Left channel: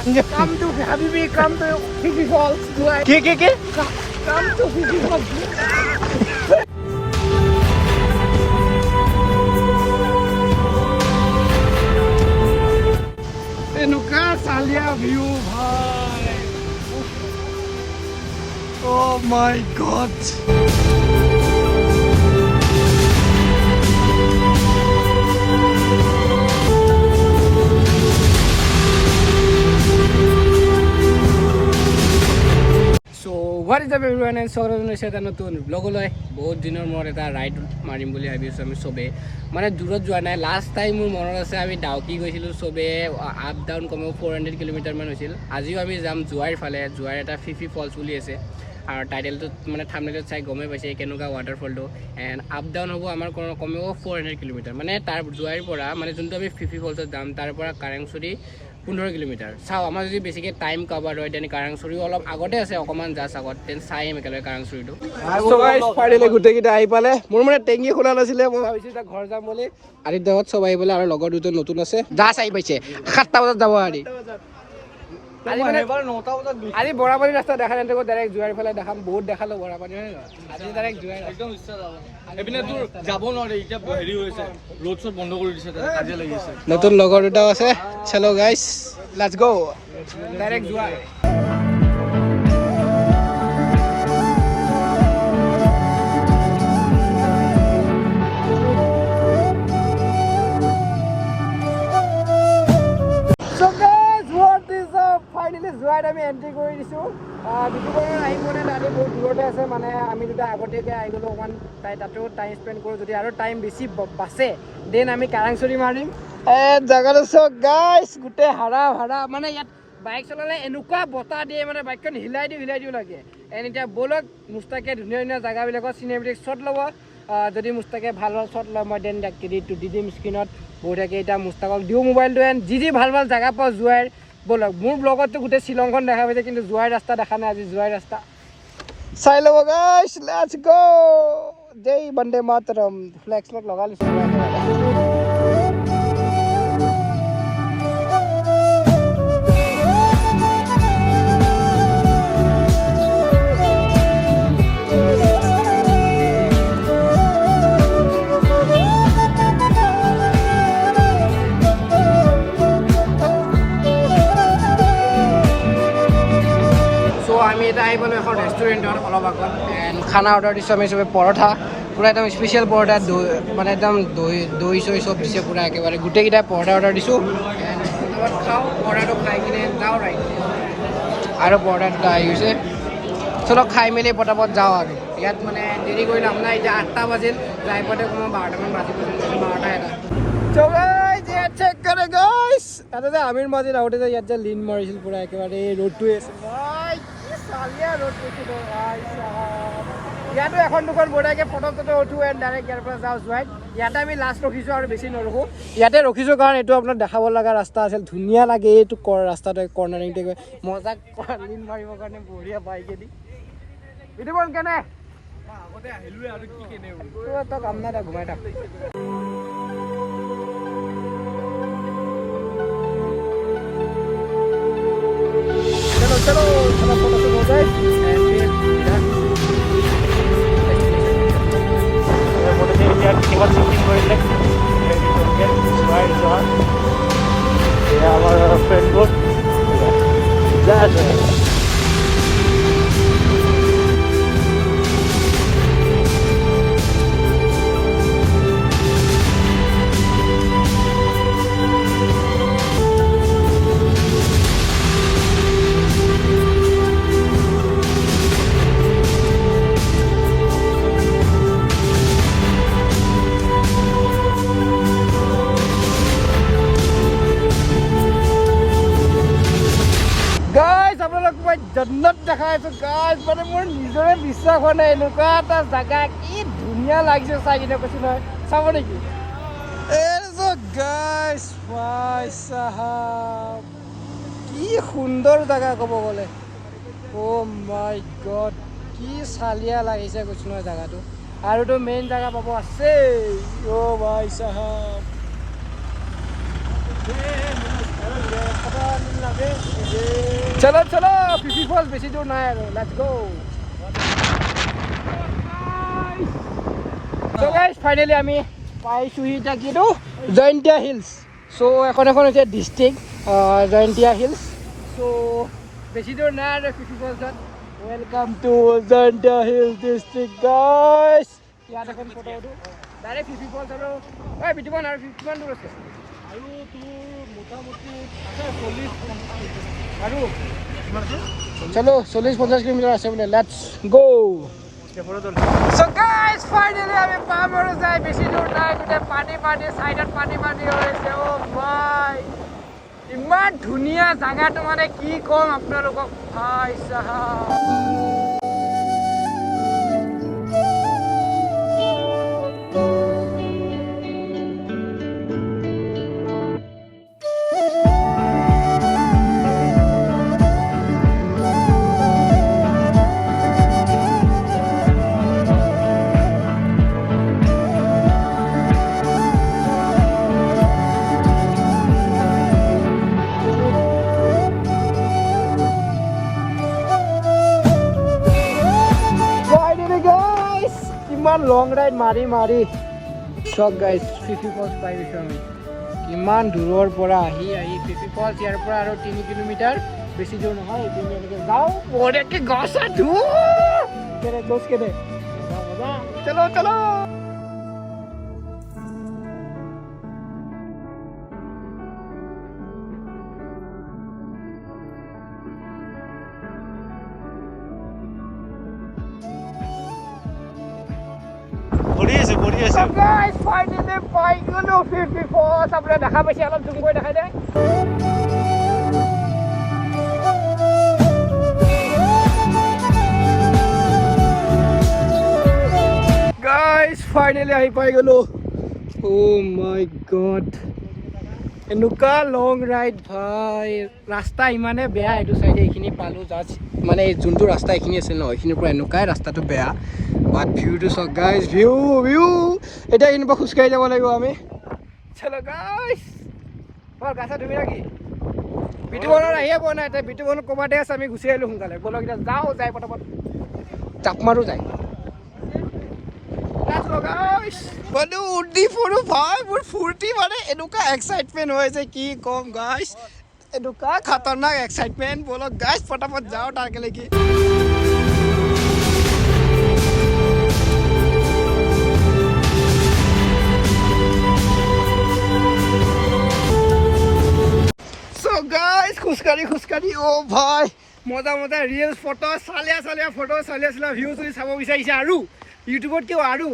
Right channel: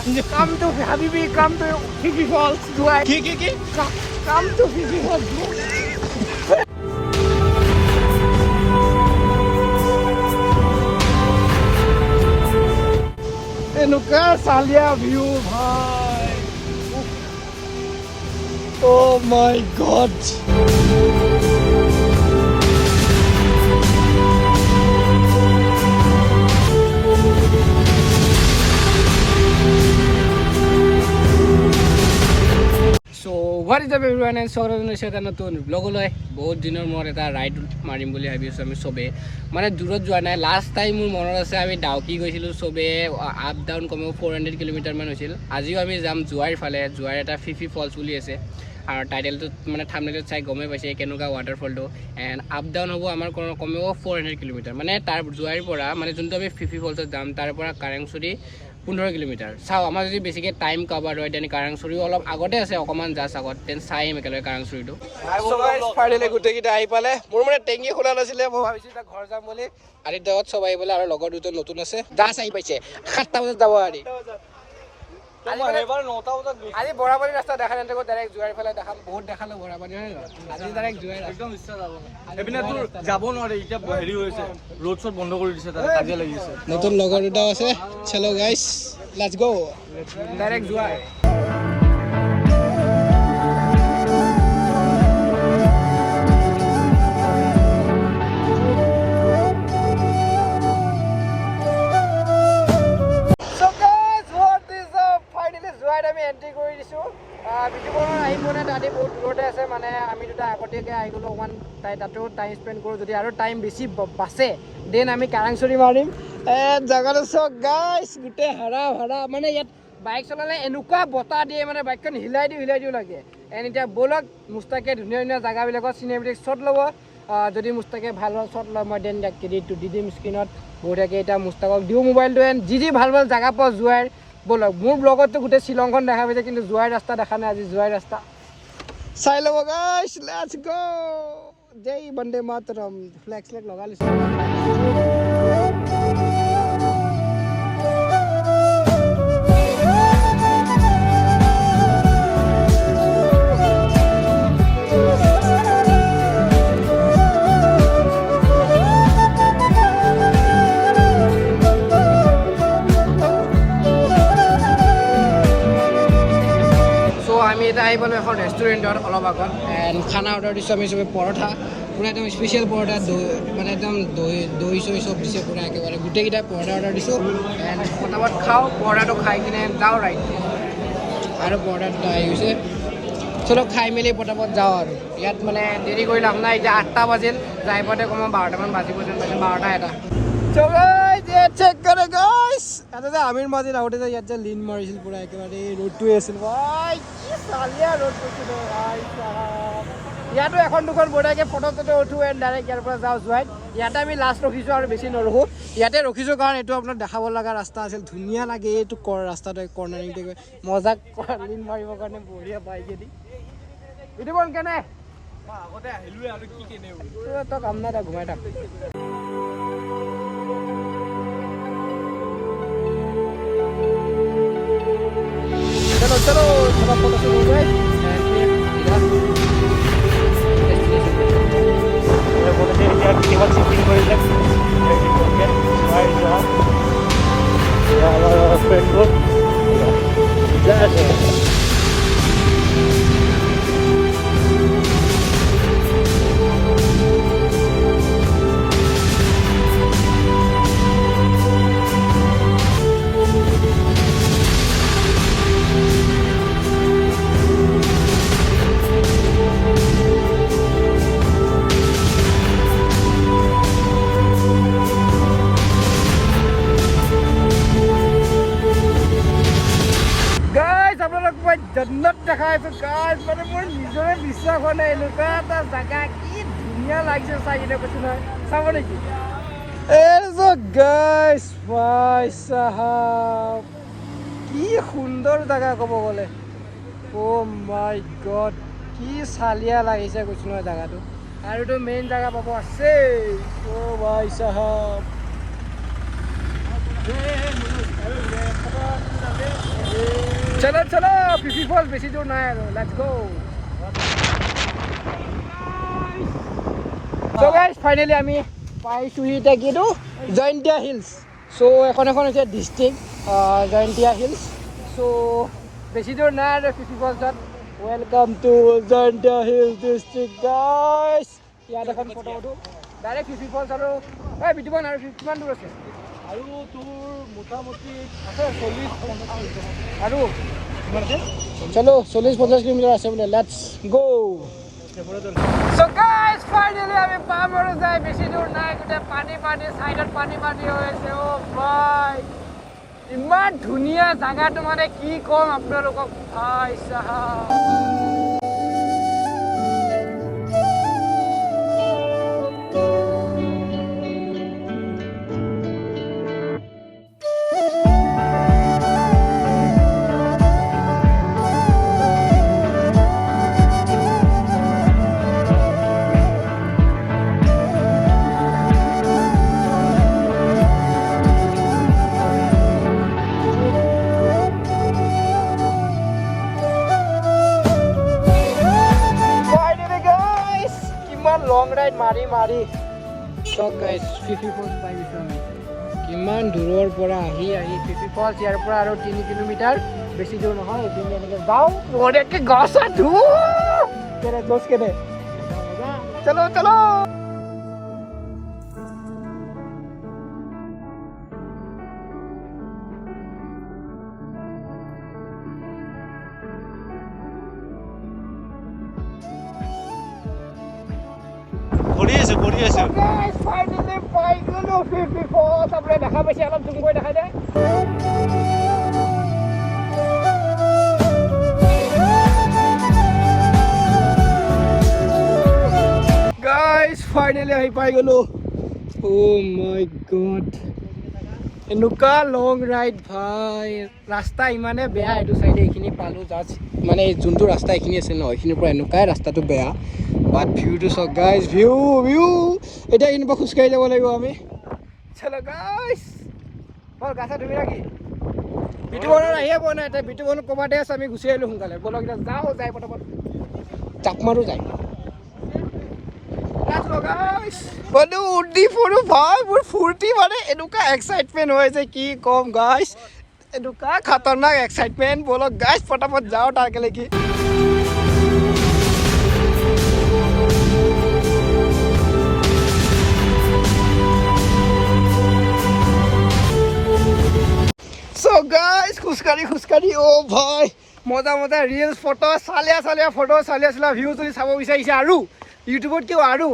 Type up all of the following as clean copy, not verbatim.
Come to Habibi, come to Phe Phe Falls. কি Come to Phe Phe Falls. এনেকুৱা চালিয়া view ভাই Oh my god What is up everyone and so এটা নতুন ব্লগলৈ বহুত দিনৰ মূৰত এটা ৰাইড মাৰিম বুলি ভাবিছোঁ আমি সবে মানে দূৰত যোৱা নাই লাষ্ট টাইম মোৰ মনত আছে আমি ডাউকি গৈছিলোঁ সবে আপ ডাউন কমেও 400 কিলোমিটাৰ মান হৈছিল আজিও আমি যাম জুৱাইৰ ফালে জুৱাইৰ এটা Phe Phe ফলছ বুলি আছে আৰু টাইটেলটো মানে থাম্বনেইলত চাই গমেই পাইছে কেনেকুৱা ৱাটাৰফলটো এণ্ড আপ ডাউন হ'ব আমাৰ কমেও 400 কিলোমিটাৰ মানে তাৰ জুৱাইৰ পৰা মানে যোনটো আমি Phe Phe ফলছত যাম তাৰ পৰা কাৰেংচুৰি 15 কিলোমিটাৰ চাও আমাৰ যদি বেছিকৈ টাইম কভাৰ হয় তেনে কাৰেংচুৰিও অলপ আগতে আছে অকণমান জাষ্ট আগত তেন চাইম একেলগে কাৰেংচুৰিটো সো গাইছ ফাইনেলি গোটেইকেইটা আহি পালে মোৰ মানে টেংকি খোলা নাছিলে মই ভাবিছোঁ এতিয়া ঘৰ যাম বুলি আদিত্যত চব আহি পালে আৰু লগৰ দুজন নতুন আছে জাষ্ট আহি পাইছে 7টা বজাত যাব আদি আজি মানে 9টা বজাত আজি বৰাপানী ৰাস্তা দেখা নাই তো ডাইৰেক্ট জুৱাইৰ ফালে দেখাম বহুত দেখালো বৰাপানী হয় আজি ডাইৰেক্ট জুৱাইৰ একদম ইচ্ছা যাব এপিনে তোৰ যাব নোৱাৰে এতিয়া হেৰি হৈছে ৰোড শট বন্ধ কৰি দিছে তাৰে কাজিয়া লাগিছে নতুন লগৰ দুটাও আছে চলো গাইস লেটস গো ডাইৰেক্ট জুৱাইৰ আমি এন্ট্ৰি কৰি দিছোঁ বিটুপৰৰ আহিম মানে দাদি বহুত দূৰতে আছে মানে আমি দুটা আগতীয়াকৈ আহি গ'লোঁ অকণমান তাতেও টাইম স্পেণ্ড কৰোঁ যদি আৰু টাইম বেছি বাচে দেন আমি কাৰেংচুৰি মাৰিম জেগাটো চাওক গাইছ গোটেই হাৰা মানে ইয়াত বাইক চলালে এনেকুৱা বতাহ দিয়ে মানে বাইকখন হিলাই দিও লাগে এণ্ড এতিয়া ব'লক মুস্তাকে ধুনীয়া জেগাবিলাকত চিনেমেটিক শ্বট ল'ব যদি মুস্তাকে ভাল শ্বট লয় মই দেন ক্ৰেডিটটো দি দিম স্ক্ৰীণত বঢ়িয়াকৈ এতিয়া মুস্তাকক দিওঁ মোবাইলটো এণ্ড যি ভাল জেগা পাওঁ জুৱাইৰ বলক মোৰ ব্লগতো গোটেই শ্বিলংখন দেখা পাইছে কিন্তু জুৱাইৰ ৰাস্তা দেখা নাই আজি জুৱাইৰ ৰাস্তা চাই ল'ব গাইছ লেটছ গো জয় বন্দে মাতৰম ফ্লেক্স লগা লৈছে আমি এটা আহি পালোঁ এখন ৰেষ্টুৰেণ্টত অলপ আগত এণ্ড খানা অৰ্ডাৰ দিছোঁ আমি চবে পৰঠা পূৰা একদম স্পেচিয়েল পৰঠা মানে একদম দৈ চৈ চব দিছে পূৰা একেবাৰে গোটেইকেইটা পৰঠা অৰ্ডাৰ দিছোঁ এণ্ড পটাপট খাওঁ পৰঠাটো খাই কিনে যাওঁ ৰাইট আৰু পৰঠা দুটা আহি গৈছে চলক খাই মেলি পটাপট যাওঁ আৰু ইয়াত মানে দেৰি কৰি লাভ নাই এতিয়া 8টা বাজিল যাই পাওঁতে কমেও 12টামান বাজিব যেন পাইছে 12টা এটা চেক কৰে গাইছ এটা যে আমিৰ মাজত আহোঁতে যে ইয়াত যে লিন মাৰিছিল পূৰা একেবাৰে এই ৰ'দটোৱে আছিল ভাই কি চালিয়া ৰ'দ কৈছিল ভাই ইয়াতো এখন দুখন বঢ়িয়াকৈ ফটো উঠো এণ্ড ডাইৰেক্ট ইয়াৰ পৰা যাওঁ জুৱাইত ইয়াতে আমি লাষ্ট ৰখিছোঁ আৰু বেছি নৰখোঁ ইয়াতে ৰখিছোঁ কাৰণ এইটো আপোনাক দেখাব লগা ৰাস্তা আছিল ধুনীয়া লাগে এইটো ৰাস্তাটো কৰ্ণাৰিংটো মজা লিন মাৰিবৰ কাৰণে বঢ়িয়া বাইকেদি এইটো বল কেনে আগতে আহিলোৱে আৰু কি কেনে তই কাম নাই তই ঘুমাই থাক चलो थोड़ा फोटो शूट हो जाए एंड फिर इधर और फोटो के साथ बहुत सुंदर ये हमारा फ्रेंड ग्रुप जाके জন্নত দেখা আছো গাইছ মানে মোৰ নিজৰে বিশ্বাস হোৱা নাই এনেকুৱা এটা জেগা কি ধুনীয়া লাগিছে চাই কিনে কৈছো নহয় চাব নেকি গাইছ ভাই সাহাব কি সুন্দৰ জেগা ক'ব গ'লে অ' মাই গড কি চালিয়া লাগিছে কৈছো নহয় জেগাটো আৰুতো মেইন জেগা পাব আছে অ' ভাই সাহাব चलो चलो फिफी फॉल्स बेसी दूर ना है let's go so guys finally আমি পাইছোহি এটা কিটো জয়ন্তিয়া হিলস সো এখন হৈছে ডিস্ট্রিক্ট জয়ন্তিয়া হিলস সো বেছি দূৰ নাই আৰু ফিফি ফলছত welcome to Jaintia hills district guys ইয়াত এখন ফটো উঠো ডাইৰেক্ট ফিফি ফলছ আৰু এই বিটুবন আৰু কিমান দূৰ আছে আৰু তোৰ মোটামুটি আছে 40 আৰু চলো 40-50 কিলোমিটাৰ আছে বোলে let's go So guys, finally আমি পাম আৰু যাই বেছি দূৰ নাই গোটে পানী পানী সাইডত পানী পানী হৈছে ও ভাই ইমান ধুনীয়া জায়গাটো মানে কি কম আপোনালোকক ভাই সাহাব মাৰি চক গাইজ ফিফি ফলছ পাই গৈছোঁ আমি কিমান দূৰৰ পৰা আহি ফিফি ফলছ ইয়াৰ পৰা আৰু 3 কিলোমিটাৰ বেছি দূৰ নহয় এইখিনি এনেকৈ যাওঁ বঢ়িয়াকৈ গছা ধুওঁ কেনে গছ কেনে চলো চলো So guys, finally পাই গলো ফিফি ফলছ আপুনি দেখা পাইছে অলপ জুম কৰি দেখাই দে guys finally আহি পাই গলো oh my god এনেকুৱা লং ৰাইড ভাই ৰাস্তা ইমানে বেয়া এইটো সাইডে এইখিনি পালো জাস্ট মানে যোনটো ৰাস্তা এইখিনি আছে ন এইখিনিৰ পৰা এনেকুৱাই ৰাস্তাটো বেয়া বাট ভিউটো চক গাইজ ভিউ এটা এইখিনিৰ পৰা খোজকাঢ়ি যাব লাগিব আমি চলো গাইজ বৰ গাছা ধুবি নাকি বিটুবনৰ আহিয়ে পোৱা নাই এতিয়া বিটুবনৰ কমাতে আছে আমি গুচি আহিলোঁ সোনকালে বলক এতিয়া যাওঁ যাই পটাপট জাপ মাৰো যায় বলো উৰ্দি ফুৰো ভাই মোৰ ফূৰ্তি মানে এনেকুৱা এক্সাইটমেণ্ট হৈছে কি কম গাইজ এনেকুৱা খাতৰনাক এক্সাইটমেণ্ট বলক গাইজ পটাপট যাওঁ তাৰলৈকে So guys, খুচকাৰি ও ভাই মজা মজা ৰিলছ ফটো চালিয়া ভিউ যদি চাব বিচাৰিছে আৰু ইউটিউবত কিয় আৰু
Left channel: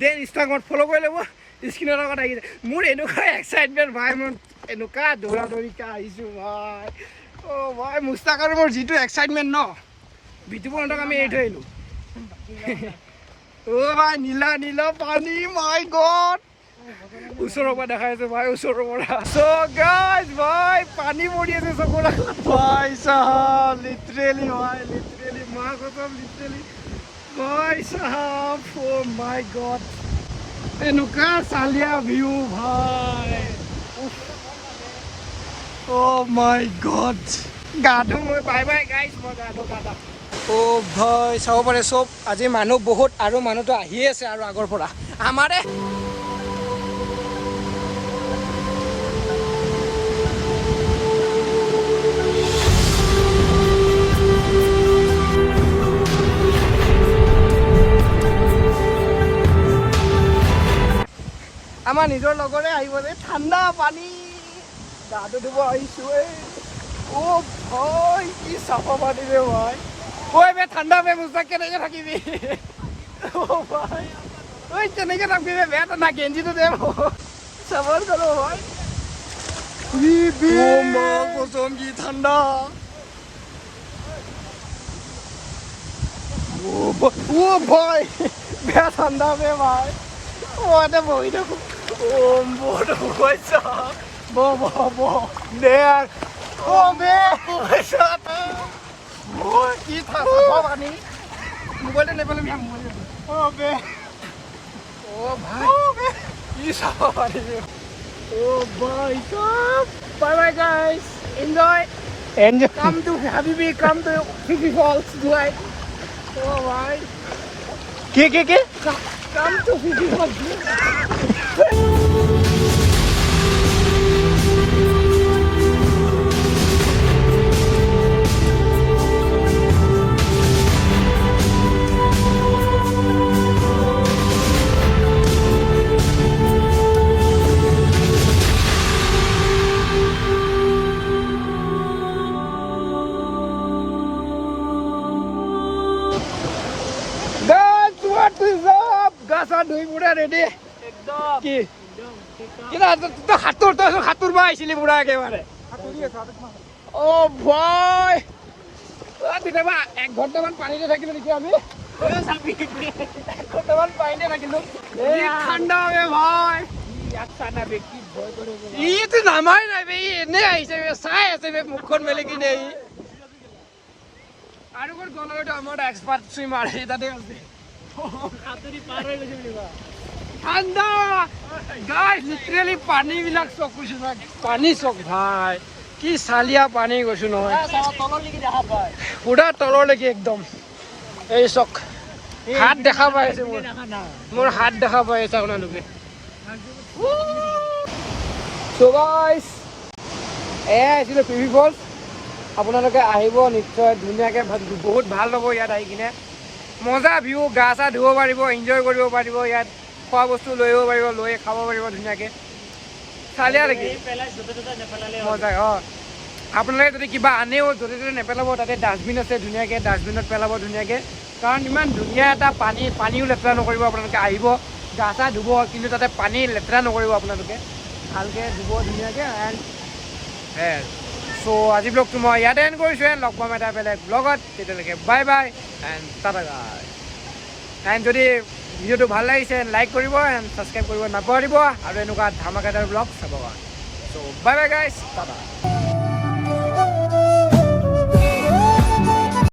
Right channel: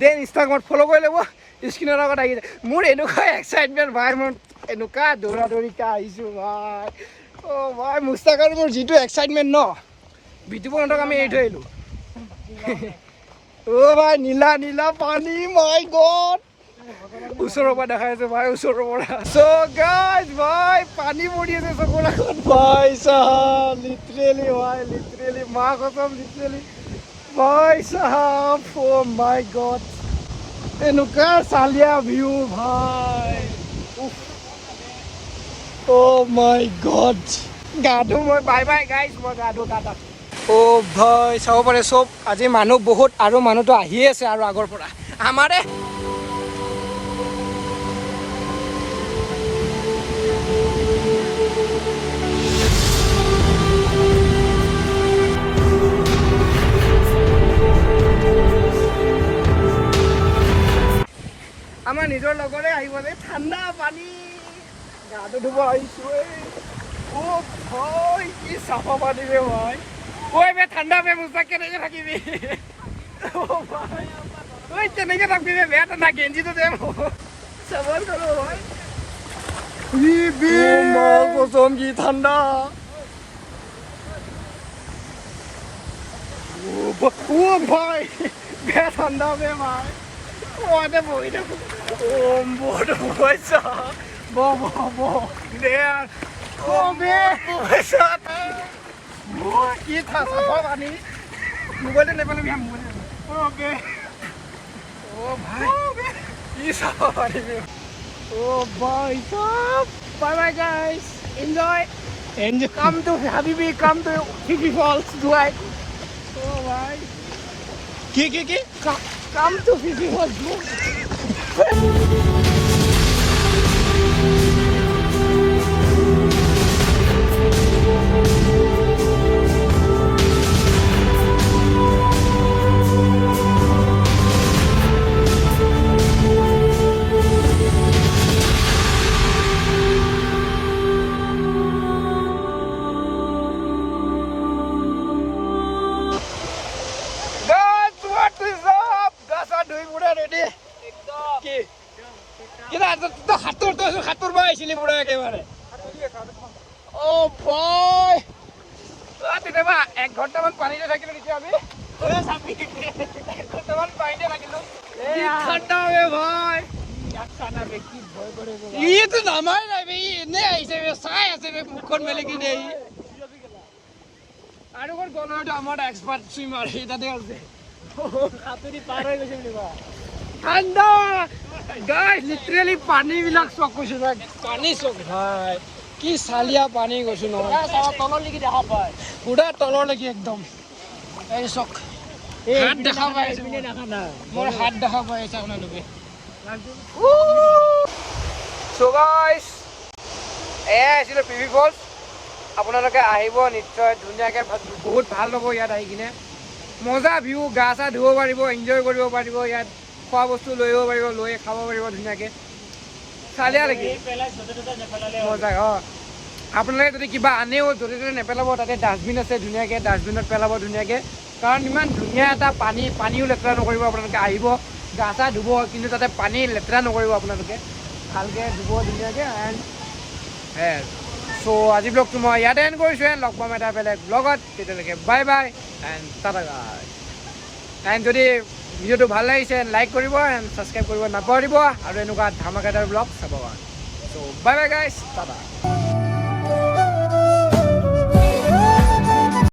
দেন ইনষ্টাগ্ৰামত ফ'ল' কৰি ল'ব স্ক্ৰীনৰ লগত আহি মোৰ এনেকুৱা এক্সাইটমেণ্ট ভাই মোৰ এনেকুৱা দৌৰাদৌৰিকৈ আহিছোঁ ভাই অ' ভাই মুস্তাক আৰু মোৰ যিটো এক্সাইটমেণ্ট ন বিটুবনহঁতক আমি এৰি থৈ আহিলোঁ অ' ভাই নীলা পানী মাই গড ওচৰৰ পৰা দেখাই আছে ভাই ওচৰৰ পৰা চ' গাইজ ভাই পানী পৰি আছে চকুৰ আগত ভাই চাহাব লিটাৰেলি মা কসম লিটাৰেলি ভাই চাহাব অ' মাই গড এনেকুৱা চালিয়া ভিউ ভাই অ' মাই গড গা ধুওঁ মই বাই গাইজ মই গা ধুওঁ টাটা অ' ভাই চাব পাৰে চব আজি মানুহ বহুত আৰু মানুহটো আহিয়ে আছে আৰু আগৰ পৰা আমাৰে আমাৰ নিজৰ লগৰে আহিব যে ঠাণ্ডা পানী গাটো ধুব আহিছোঁ অ' ভাই কি চাফা পানী ৰে ভাই ঐ বে ঠাণ্ডা বে মুস্তাক কেনেকৈ থাকিবি অ' ভাই ঐ তেনেকৈ থাকিবি ৰে বেয়া ঠাণ্ডা গেঞ্জিটো দে চাবৰ কৰোঁ ভাই অ' মা কসম কি ঠাণ্ডা অ' ভাই বেয়া ঠাণ্ডা বে ভাই What a boy! Oh, what a boy! Bo, there. Oh, man! Oh, kid has a funny. Mobile never let me have money. Oh, man! Oh, my! He's sorry. Oh, boy! Bye, guys! Enjoy! Enjoy. Come to Phe Phe, come to Phe Phe Falls, Dubai. Oh my. কি Come to Phe Phe Falls. What is up? Gasa doi pura ready. Ekdom. Ki? To hatur ba aisile pura ekebare. Oh boy. Tite ba 1 ঘন্টা মান পানিতে থাকিলো নেকি আমি? এ সাবি 1 ঘন্টা মান পানিতে থাকিলো। কি ঠান্ডা হবে ভাই। ইয়াত সানা বে কি ভয় করে বলা। ই তো নামাই নাই বে এনে আইছে বে চাই আছে বে মুখখন মেলে কি নেই। আৰু কোন গলাটো আমাৰ এক্সপার্ট সুইমার এটাতে আছে। হাতুরি পার হয়ে গেছে বলিবা ঠান্ডা গাইস লিটারালি পানি বিলাক চক কৈছো না পানি চক ভাই কি সালিয়া পানি কৈছো নহয় তলৰ লাগি দেখা পায় পুৰা তলৰ লাগি একদম এই চক হাত দেখা পাই আছে মোৰ হাত দেখা পাই আছে আপোনালোকে সো গাইস আছিল Phe Phe Falls আপোনালোকে আহিব নিশ্চয় ধুনীয়াকে বহুত ভাল পাব ইয়াত আহি কিনে মজা ভিউ গা চা ধুব পাৰিব এনজয় কৰিব পাৰিব ইয়াত খোৱা বস্তু লৈব পাৰিব লৈ খাব পাৰিব ধুনীয়াকে চালিয়া লাগি মজা আপোনালোকে যদি কিবা আনেও য'তে ত'তে নেপেলাব তাতে ডাষ্টবিন আছে ধুনীয়াকে ডাষ্টবিনত পেলাব ধুনীয়াকে কাৰণ ইমান ধুনীয়া এটা পানীও লেতেৰা নকৰিব আপোনালোকে আহিব গা চা ধুব কিন্তু তাতে পানী লেতেৰা নকৰিব আপোনালোকে ভালকে ধুব ধুনীয়াকে এণ্ড সো আজি ব্লগটো মই ইয়াতে এণ্ড কৰিছোঁ এণ্ড লগ পাম এটা বেলেগ ব্লগত তেতিয়ালৈকে বাই বাই এণ্ড টাটা গাইছ এণ্ড যদি ভিডিঅ'টো ভাল লাগিছে লাইক কৰিব এণ্ড ছাবস্ক্ৰাইব কৰিব নাপাহৰিব আৰু এনেকুৱা ধামাকাদাৰ ব্লগ চাব কাৰণে চ' বাই বাই গাইছ টাটা